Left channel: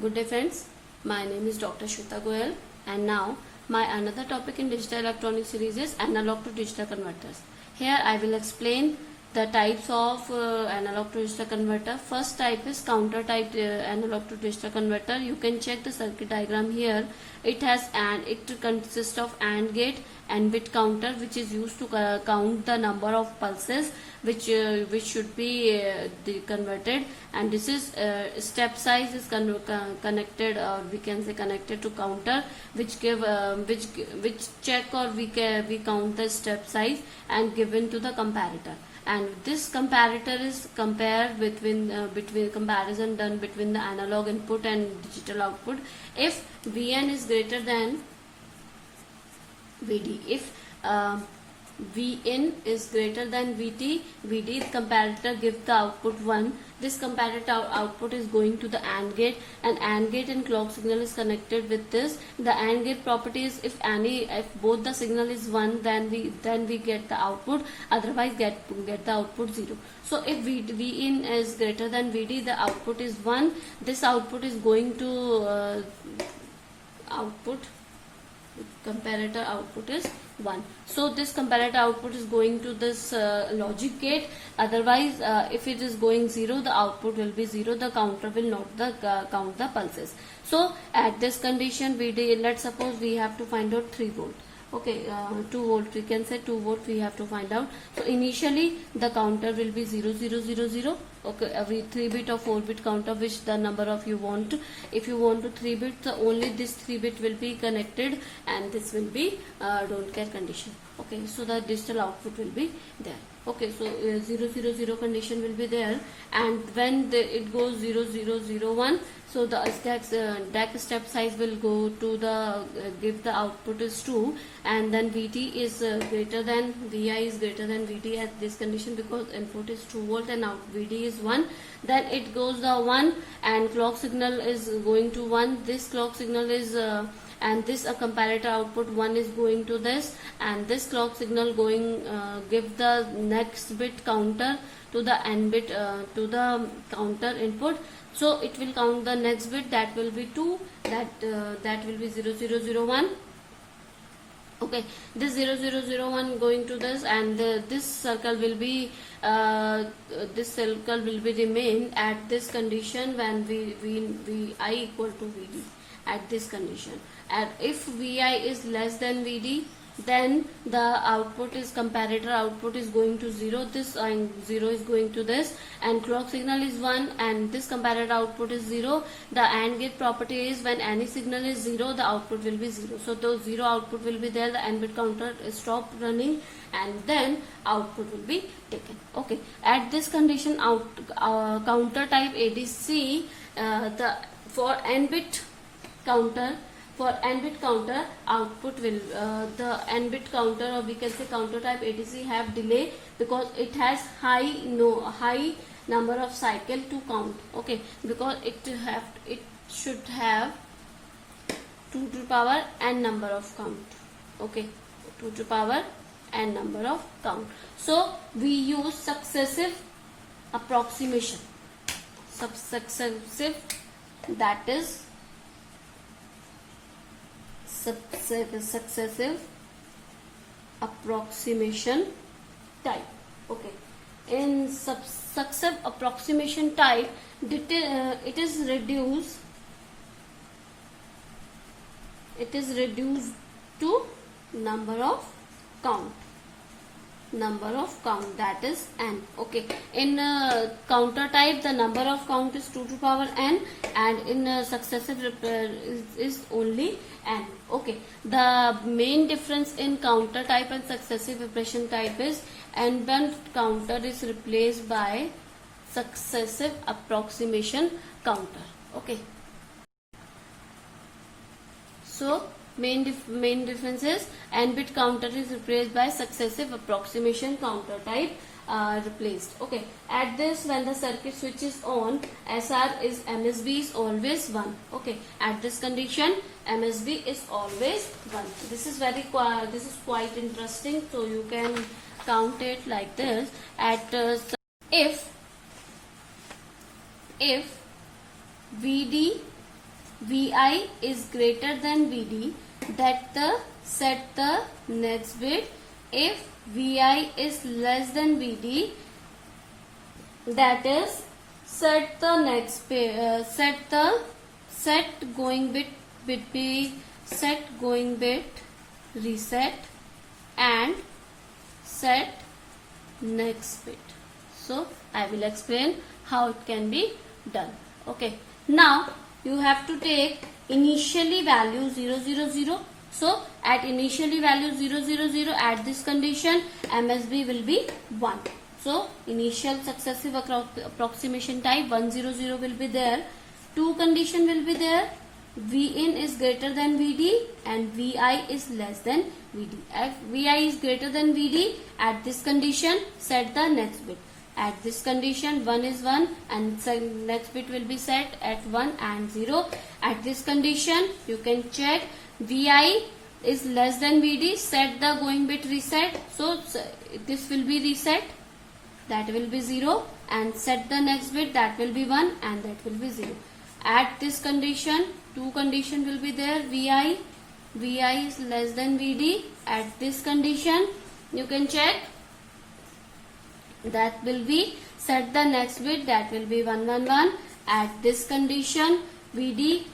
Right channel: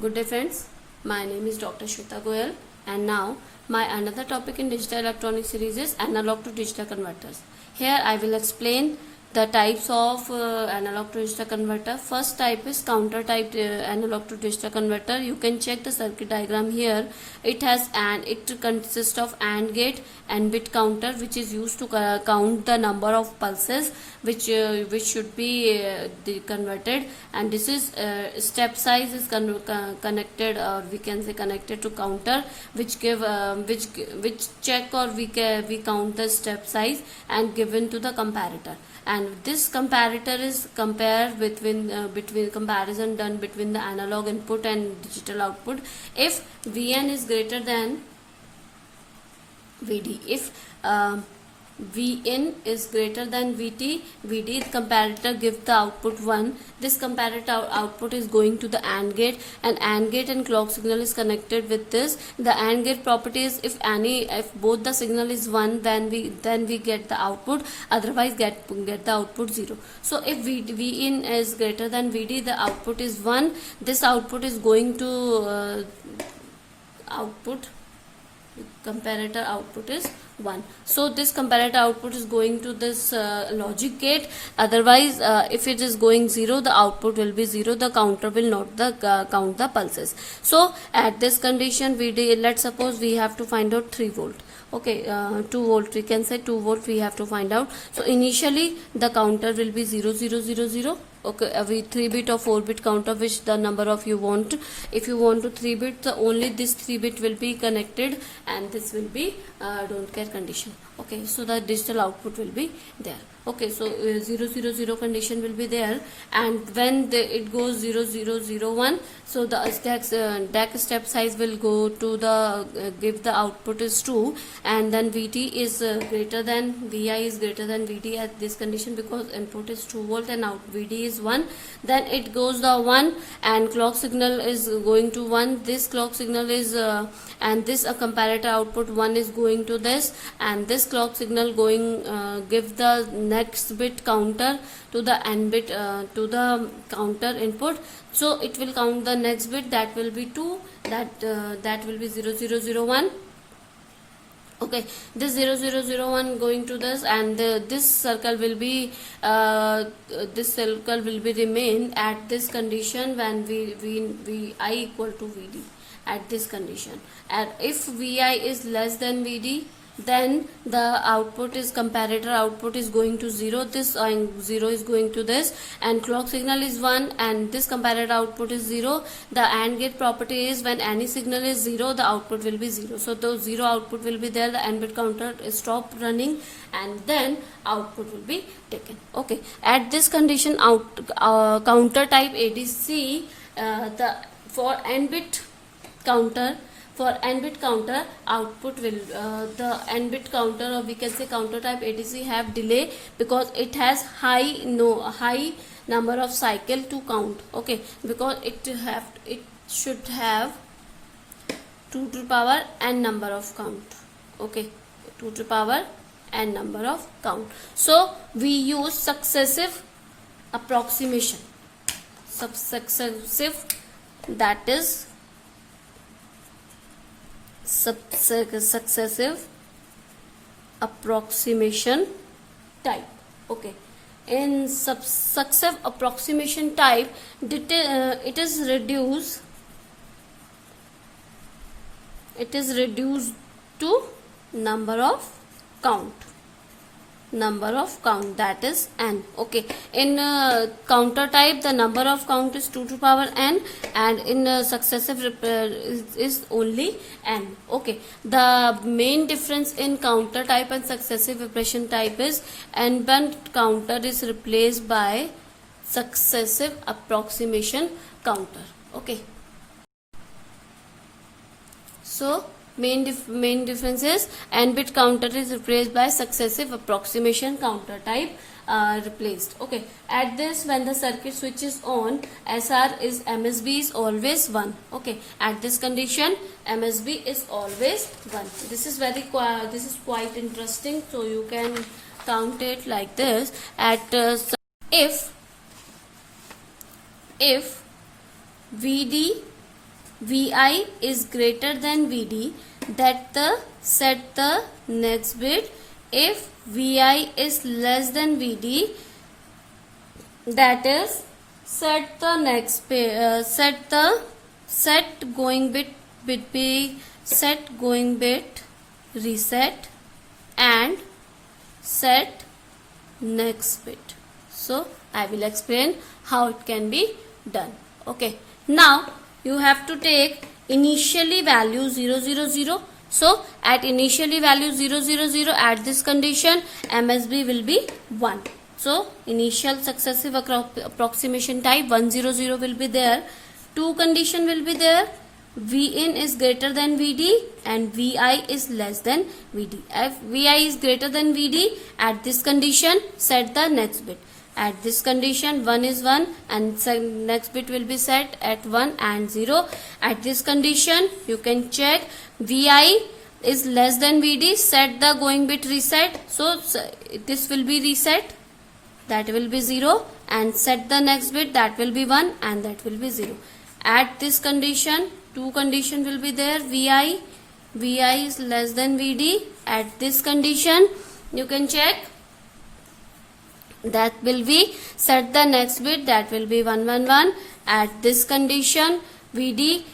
Good day friends, my name is Dr. Shweta Goyal and now my another topic in digital electronic series is analog to digital converters. Here I will explain the types of analog to digital converter. First type is counter type analog to digital converter. You can check the circuit diagram here. It consists of AND gate and bit counter, which is used to count the number of pulses which should be converted, and this is step size is connected, or we can say connected to counter, which give which check or we count the step size and given to the comparator. And this comparator is compared between comparison done between the analog input and digital output. If Vn is greater than Vd, if Vin is greater than Vd, comparator gives the output 1. This comparator output is going to the AND gate, and AND gate and clock signal is connected with this. The AND gate property is if both the signal is 1, then we get the output, otherwise get the output 0. So if Vin is greater than Vd, the output is 1. This output is going to comparator output is 1. So this comparator output is going to this logic gate. Otherwise, if it is going 0, the output will be 0. The counter will not count the pulses. So at this condition, let's suppose we have to find out 3 volt. Okay, 2 volt, we can say 2 volt we have to find out. So initially the counter will be 0 0 0 0. Okay, every 3-bit or 4-bit counter, which the number of you want. If you want to 3-bit, so only this 3-bit will be connected, and this will be don't care condition. Okay, so the digital output will be there. Okay, so 0 0 0 condition will be there, and when it goes 0 0 0 1, so the DAC step size will go to the give the output is 2, and then Vt is greater than Vi is greater than Vd at this condition, because input is 2 volt and out Vd is 1. Then it goes the 1, and clock signal is going to 1. This clock signal is and this comparator output 1 is going to this, and this clock signal going give the next bit counter to the n bit to the counter input. So it will count the next bit, that will be 2, that will be 0 0 0 1. Okay, this 0 0 0 1 going to this, and this circle will be remain at this condition when Vi equal to Vd at this condition. And if Vi is less than Vd, then the output is comparator output is going to 0. This 0 is going to this, and clock signal is 1, and this comparator output is 0. The AND gate property is when any signal is 0, the output will be 0. So the 0 output will be there, the n bit counter is stop running, and then output will be taken. Okay, at this condition counter type ADC, for n bit counter output will the n bit counter, or we can say counter type ADC, have delay because it has high number of cycle to count. Okay, because it should have 2 to the power n number of count. Okay, 2 to the power n number of count. So we use successive approximation. Successive, that is successive approximation type. Okay, in successive approximation type, it is reduced to number of count, that is n. Okay, in counter type the number of count is 2 to the power n, and in successive is only n. Okay, the main difference in counter type and successive operation type is n bit counter is replaced by successive approximation counter. Okay, so main difference is n bit counter is replaced by successive approximation counter type replaced. Okay, at this, when the circuit switch is on, MSB is always 1. Okay, at this condition MSB is always 1. This is quite interesting, so you can count it like this. At if VD Vi is greater than Vd, that the set the next bit. If Vi is less than Vd, that is set the next bit, set going bit be set going bit reset and set next bit. So I will explain how it can be done. Okay, now you have to take initially value 0 0 0. So at initially value 0 0 0, at this condition MSB will be 1. So initial successive approximation type 1 0 0 will be there. Two condition will be there. Vin is greater than Vd and Vi is less than Vd. If Vi is greater than Vd, at this condition set the next bit. At this condition 1 is 1 and next bit will be set at 1 and 0. At this condition you can check Vi is less than Vd, set the going bit reset. So this will be reset, that will be 0, and set the next bit, that will be 1 and that will be 0. At this condition two condition will be there. Vi is less than Vd. At this condition you can check, that will be set the next bit, that will be 1 1 1. At this condition Vd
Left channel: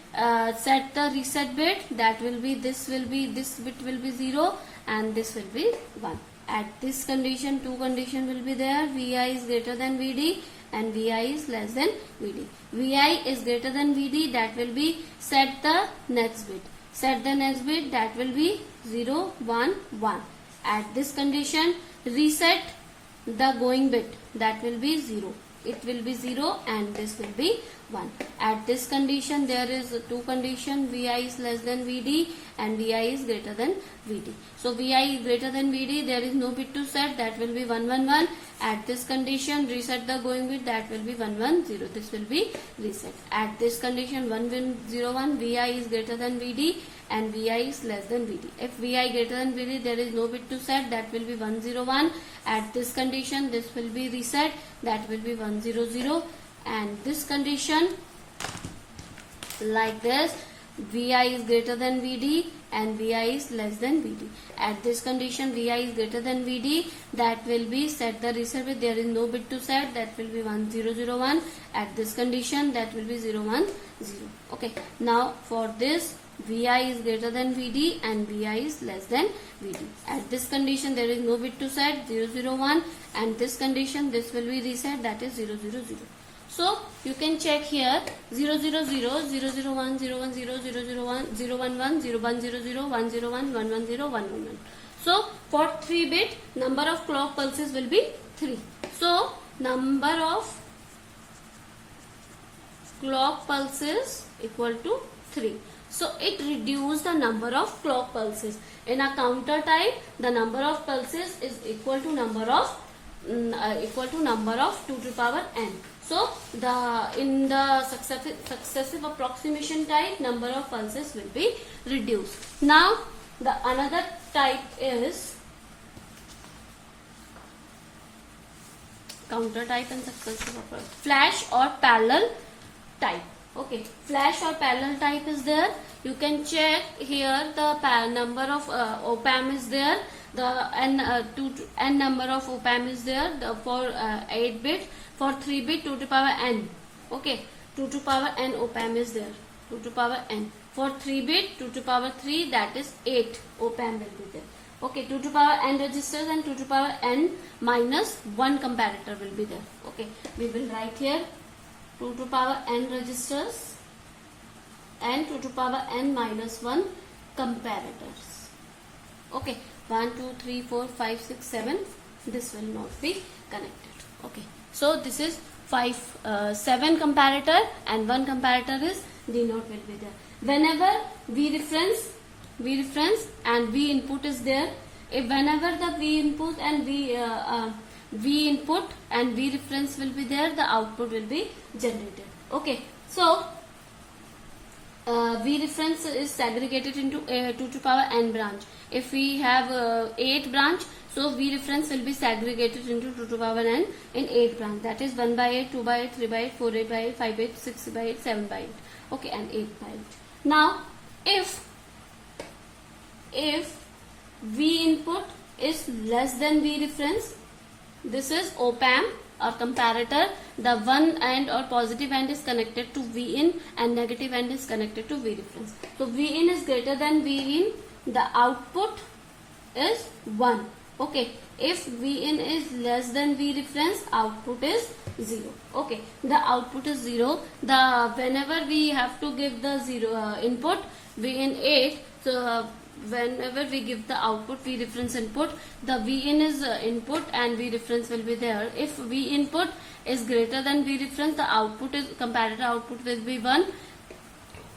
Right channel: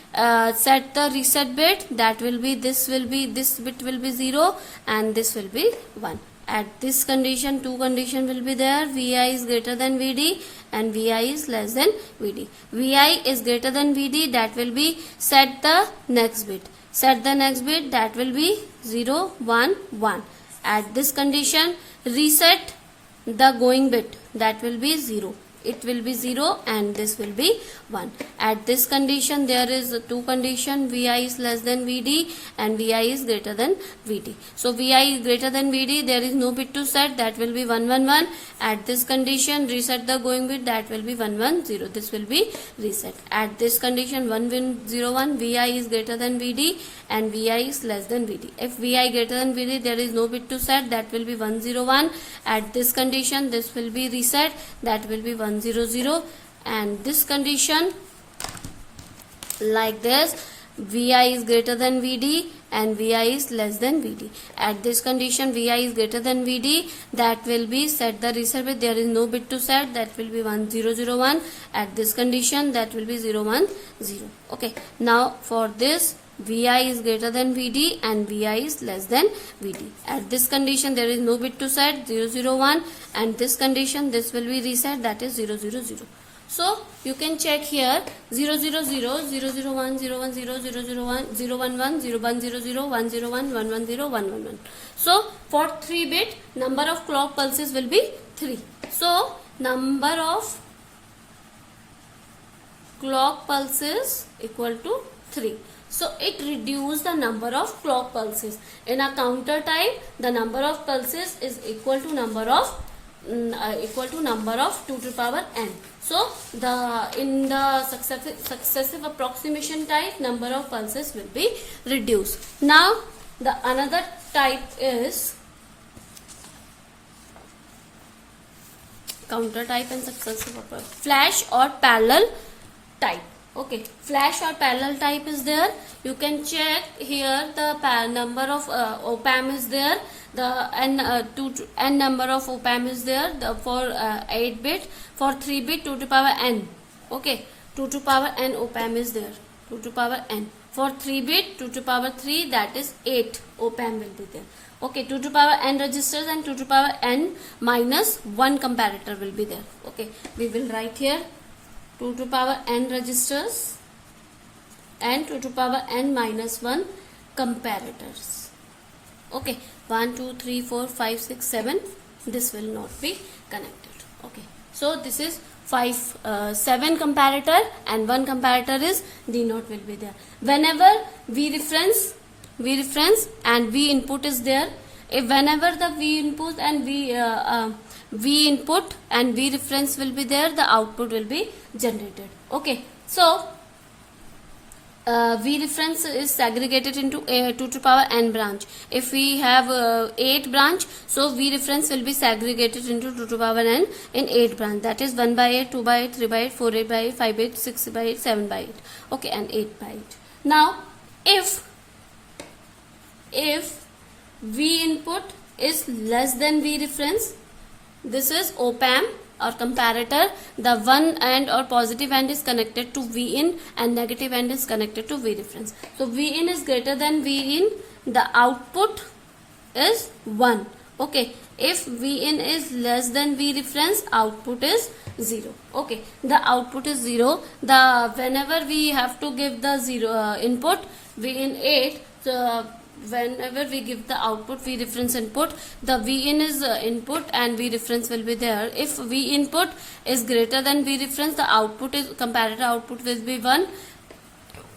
set the reset bit, that will be this bit will be 0 and this will be 1. At this condition two condition will be there. Vi is greater than Vd and Vi is less than Vd. Vi is greater than Vd, that will be set the next bit. Set the next bit, that will be 0 1 1. At this condition reset the going bit, that will be 0. It will be 0 and this will be 1. At this condition there is two condition, Vi is less than Vd and Vi is greater than Vd. So Vi is greater than Vd, there is no bit to set, that will be 1 1 1. At this condition reset the going bit, that will be 1 1 0. This will be reset. At this condition 1 1 0 1, Vi is greater than Vd and Vi is less than Vd. If Vi greater than Vd, there is no bit to set, that will be 1 0 1. At this condition this will be reset, that will be 1 0 0. And this condition like this, Vi is greater than Vd and Vi is less than Vd. At this condition Vi is greater than Vd, that will be set the reset bit, there is no bit to set, that will be 1 0 0 1. At this condition that will be 0 1 0. Okay, now for this Vi is greater than Vd and Vi is less than Vd. At this condition there is no bit to set, 0 0 1, and this condition this will be reset, that is 0 0 0. So you can check here 0 0 0 0 0 1 0 1 0 0 0 1 0 1 1 0 1 0 0 1 0 1 1 1 0 1 1 1. So for 3 bit number of clock pulses will be 3. So number of clock pulses equal to 3. So it reduces the number of clock pulses. In a counter type, the number of pulses is equal to number of 2 to the power n. So in the successive approximation type, number of pulses will be reduced. Now the another type is counter type and successive approximation, flash or parallel type. Okay, flash or parallel type is there. You can check here the number of op-amp is there. The n number of op-amp is there. For 8 bit, for 3 bit 2 to power n. Okay, 2 to power n op-amp is there. 2 to power n. For 3 bit 2 to power 3, that is 8 op-amp will be there. Okay, 2 to power n registers and 2 to power n minus 1 comparator will be there. Okay, we will write here 2 to power n registers and 2 to power n minus 1 comparators. Okay, 1 2 3 4 5 6 7, this will not be connected. Okay, so this is 7 comparator and 1 comparator is D naught will be there. Whenever V reference and V input is there, if whenever the V input and V input and V reference will be there, the output will be generated. Okay, so V reference is segregated into 2 to power n branch. If we have 8 branch, so V reference will be segregated into 2 to power n in 8 branch. That is 1 by 8, 2 by 8, 3 by 8, 4 8 by 8, 5 8, 6 by 8, 7 by 8. Okay, and 8 by 8. Now, if V input is less than V reference, this is op-amp or comparator. The one end or positive end is connected to V in and negative end is connected to V reference. So V in is greater than V in, the output is 1. Okay, if V in is less than V reference, output is 0. Okay, the output is 0. The whenever we have to give the 0 input, V in 8, so whenever we give the output V reference input, the V in is input and V reference will be there. If V input is greater than V reference, the output is comparator output will be 1,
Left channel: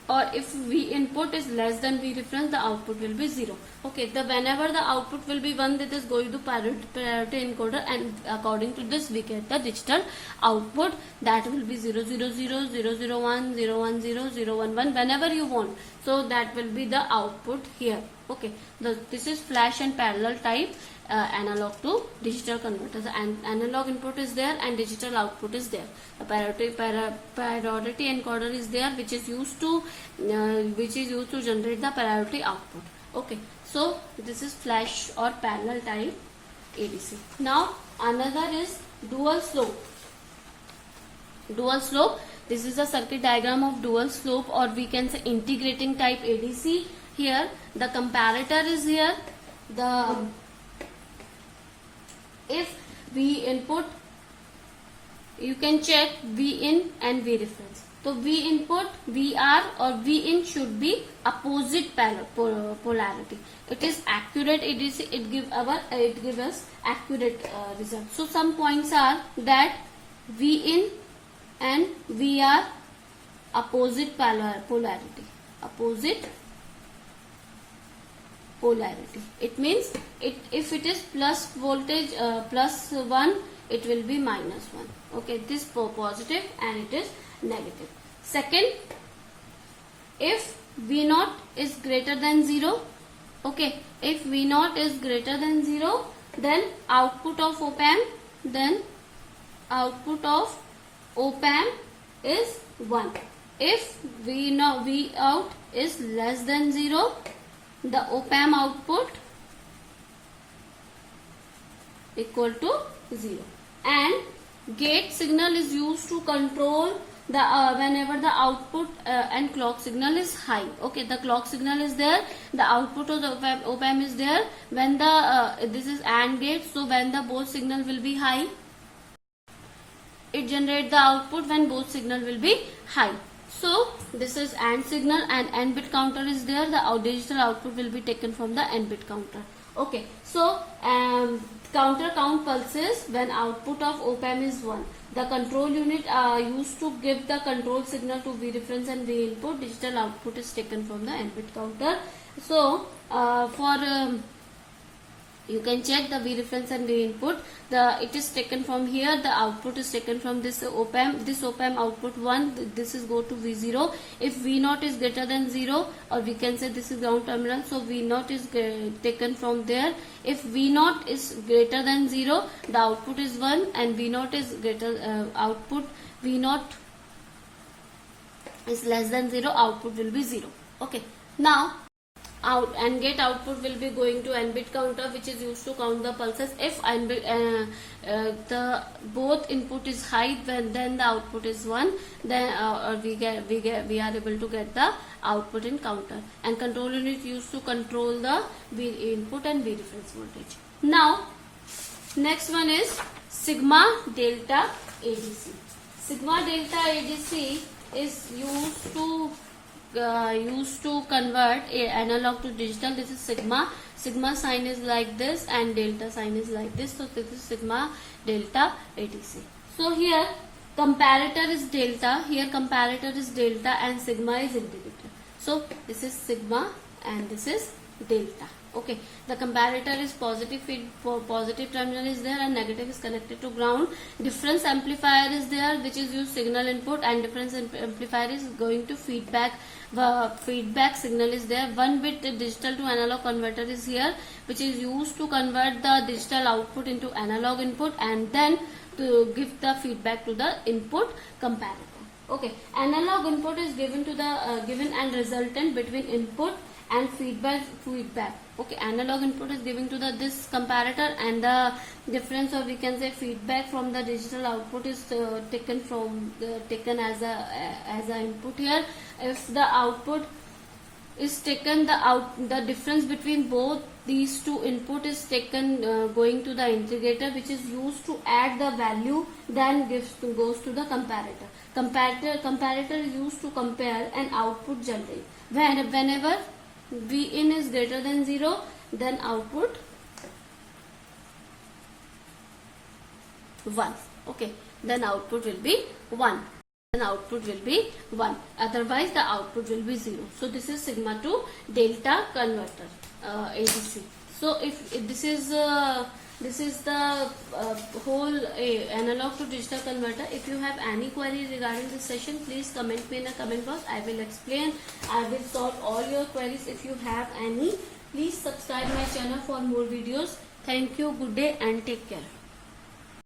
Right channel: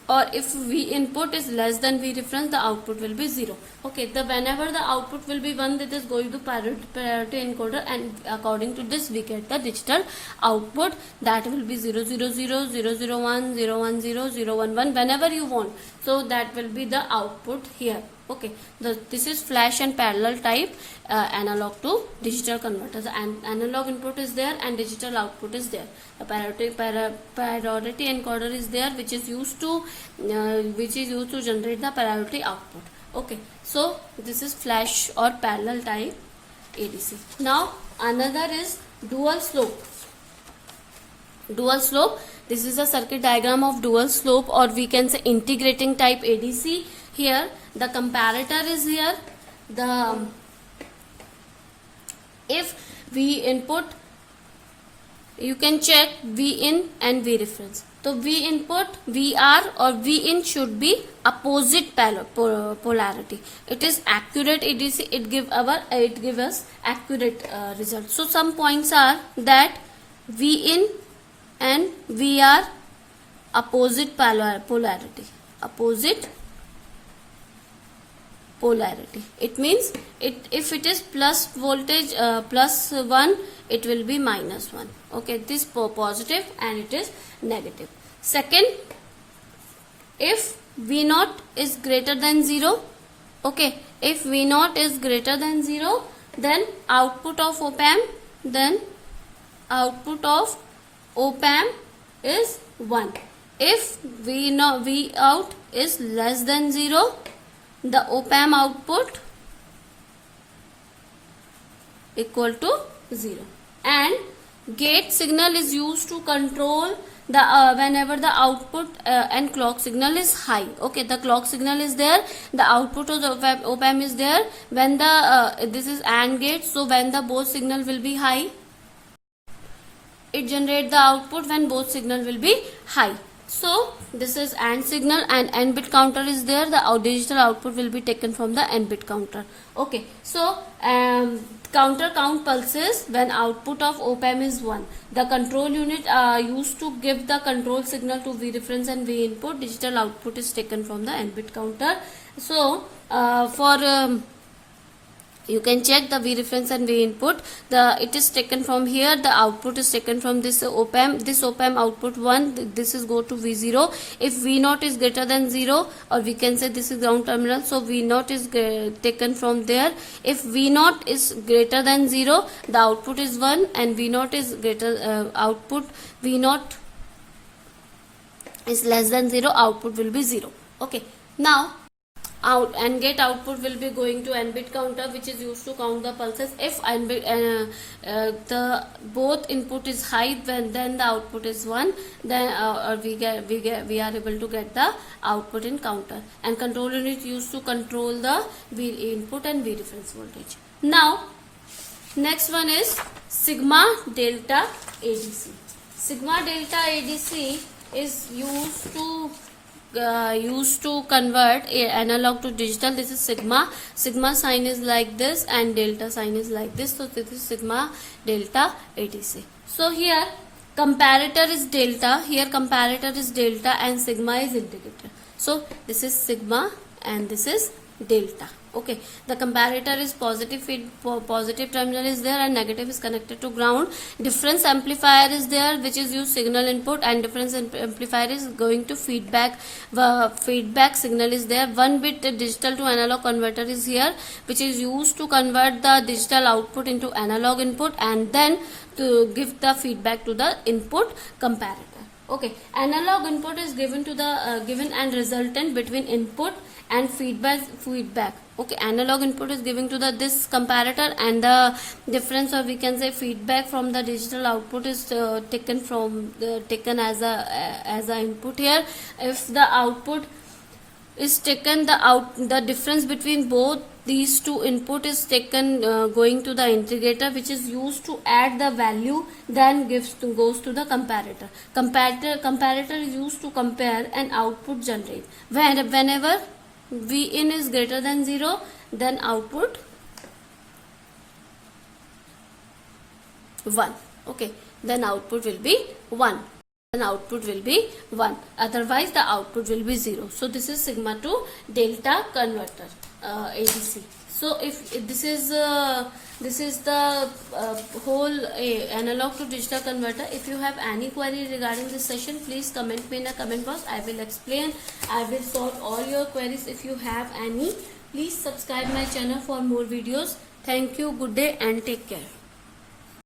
or if V input is less than V reference, the output will be 0. Okay, the whenever the output will be 1, that is going to parity encoder, and according to this we get the digital output, that will be 0 0 0 0 0 1 0 1 0 0 1 1 whenever you want. So that will be the output here. Okay, this is flash and parallel type analog to digital converter. The analog input is there and digital output is there. A priority encoder is there, which is used to generate the priority output. Okay, so this is flash or parallel type ADC. Now another is dual slope. Dual slope. This is a circuit diagram of dual slope, or we can say integrating type ADC. Here the comparator is here. If V input, you can check V in and V reference. So V input, VR or V in should be opposite polarity. It is accurate ADC. It give us accurate result. So some points are that V in and VR opposite polarity. Opposite polarity. It means if it is plus voltage plus 1, it will be minus 1. Okay, this positive and it is negative. Second, if V0 is greater than 0, okay, if V0 is greater than 0, then output of op-amp, is 1. If Vout is less than 0, the op-amp output equal to 0. And gate signal is used to control the whenever the output and clock signal is high. Okay, the clock signal is there, the output of the op-amp is there. When the this is AND gate, so when the both signal will be high, it generate the output when both signal will be high. So this is AND signal and N bit counter is there. The digital output will be taken from the N bit counter. Okay, so counter count pulses when output of op-amp is 1. The control unit used to give the control signal to V reference and V input. Digital output is taken from the N bit counter. So you can check the V reference and V input. It is taken from here. The output is taken from this op-amp. This op-amp output 1. This is go to V0. If V0 is greater than 0, or we can say this is ground terminal. So V0 is taken from there. If V0 is greater than 0, the output is 1, and V0 is greater output V0 is less than 0. Output will be 0. Okay. Now out and gate output will be going to N bit counter, which is used to count the pulses. If the both input is high, then the output is 1, then we are able to get the output in counter. And control unit used to control the V input and V reference voltage. Now next one is sigma delta ADC. Sigma delta ADC is used to convert analog to digital. This is sigma sign is like this and delta sign is like this. So this is sigma delta ADC. So here comparator is delta, here comparator is delta, and sigma is indicator. So this is sigma and this is delta. Okay, the comparator is positive terminal is there and negative is connected to ground. Difference amplifier is there, which is used signal input, and difference amplifier is going to feedback. Feedback signal is there. 1 bit digital to analog converter is here, which is used to convert the digital output into analog input and then to give the feedback to the input comparator. Okay, analog input is given to the given and resultant between input and feedback. Okay, analog input is given to the this comparator, and the difference, or we can say feedback from the digital output is taken as a input here. If the output is taken, the difference between both these two input is taken going to the integrator, which is used to add the value, then goes to the comparator. Comparator is used to compare an output generate. Whenever Vin is greater than 0, then output 1. Okay, then output will be 1. Then output will be 1. Otherwise, the output will be 0. So this is sigma to delta converter, ADC. So if this is the whole analog to digital converter. If you have any query regarding this session, please comment me in a comment box. I will explain. I will solve all your queries. If you have any, please subscribe my channel for more videos. Thank you. Good day and take care.